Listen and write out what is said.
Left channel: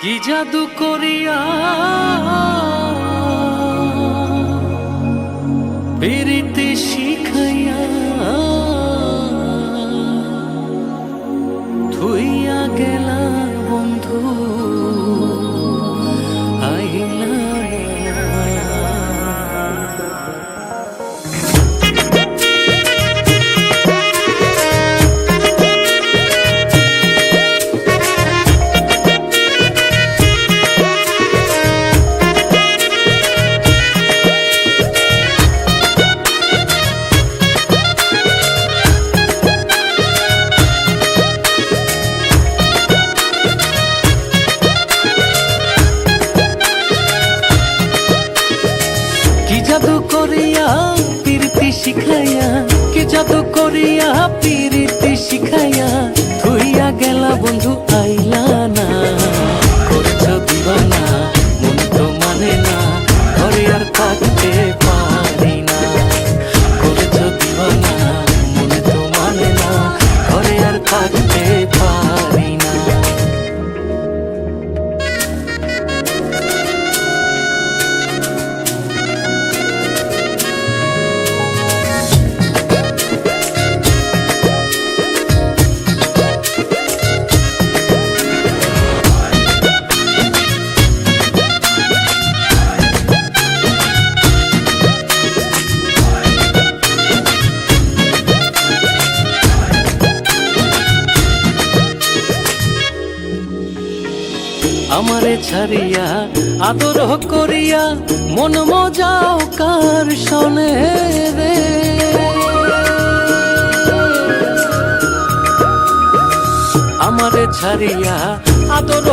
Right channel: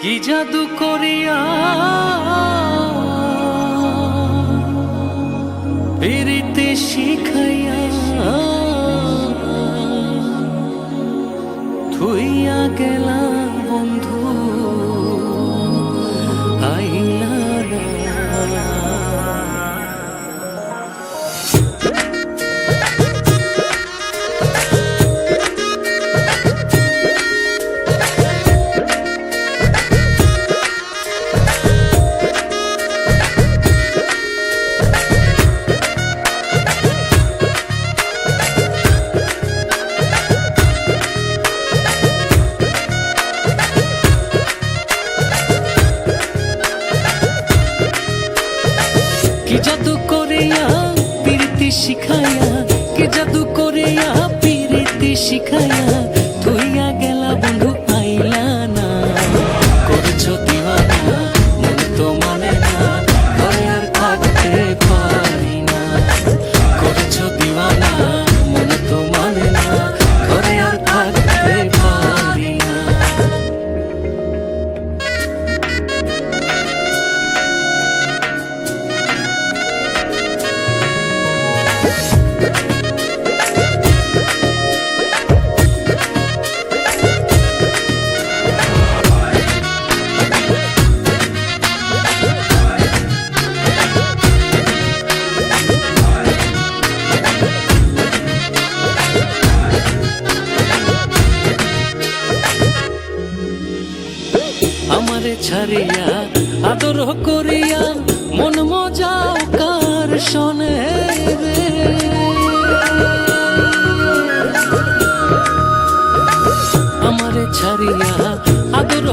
কি জাদু করিয়া পিরিতে শিখাইয়া থুইয়া গেলা বন্ধু আইলা না। কি জাদু করিয়া পিরিতি শিখাইয়া, কি জাদু করিয়া পিরিতি শিখাইয়া থুইয়া গেলা বন্ধু আইলা না। করেছ দিওয়ানা মন তো মানে না, ঘরে আর থাকতে পারি না। করেছ দিওয়ানা মন তো মানে না, ঘরে আর থাকতে পারি না। আমারে ছাড়িয়া আদর করিয়া মন মজাও কার শোনে রে। আমারে ছাড়িয়া আদর